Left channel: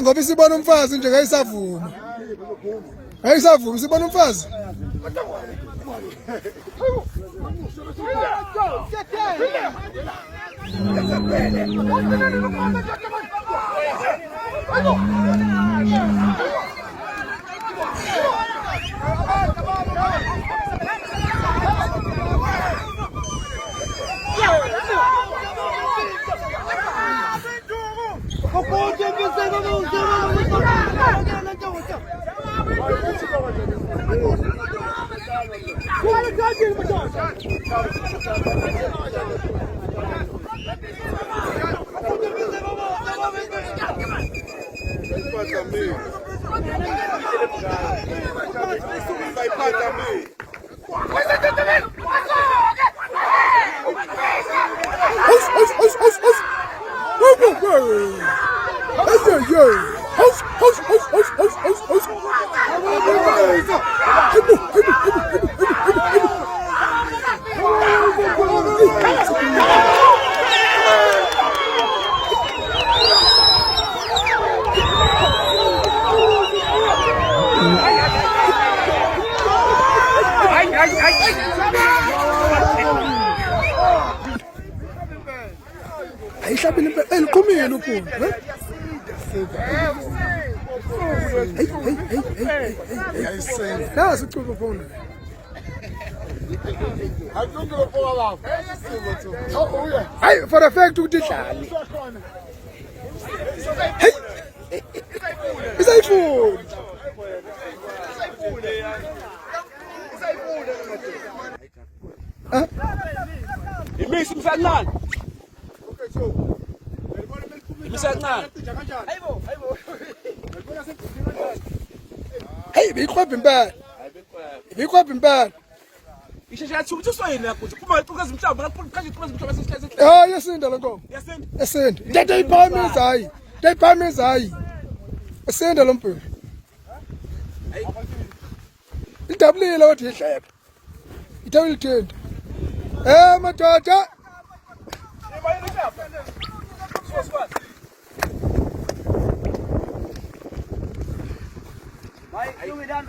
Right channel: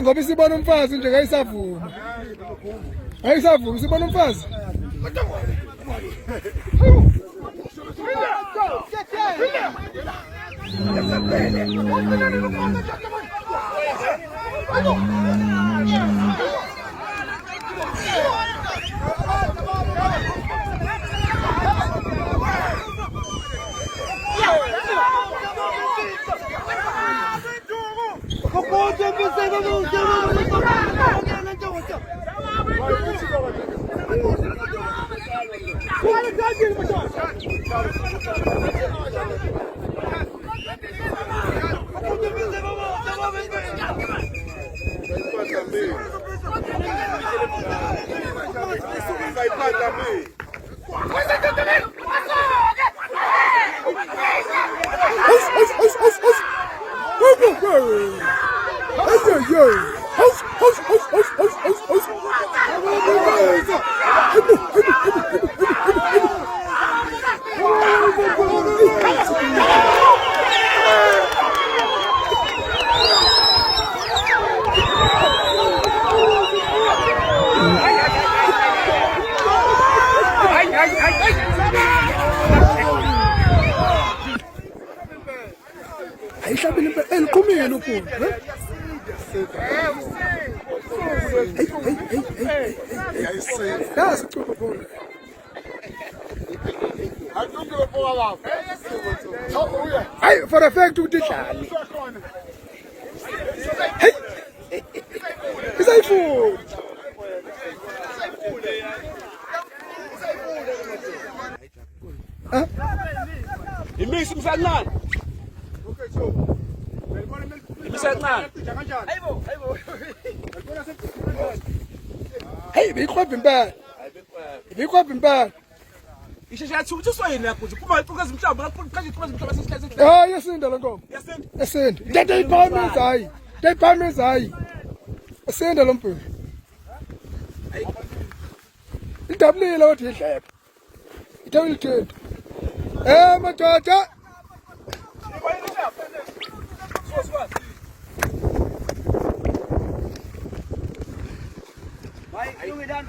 Ngoba isibona umfazi nje ngayisavuma. Ayisavuma sibona umfazi. Ayishabile eliqhumile uphungu, Nasi icuba phungu. Hayi for a fact ukuthi idlali. Hey. Isayifuni. Imisi msanlana. Hey, bikhwapha impela. Bikhwapha impela. Isheshe athi usoyini yakho kuphuma iqhakaza imhlamba ngaqhaqhaza iqhakaza imhlamba sesihleze. Ah, yasinda lo nkomo. Yasinda. Ndade iphamiza hayi. Ndayiphamiza hayi. Yasinda lo mfana. Idabulile wathi ihleka. Ithawile ithenda. Madoda. Vai, eu me dá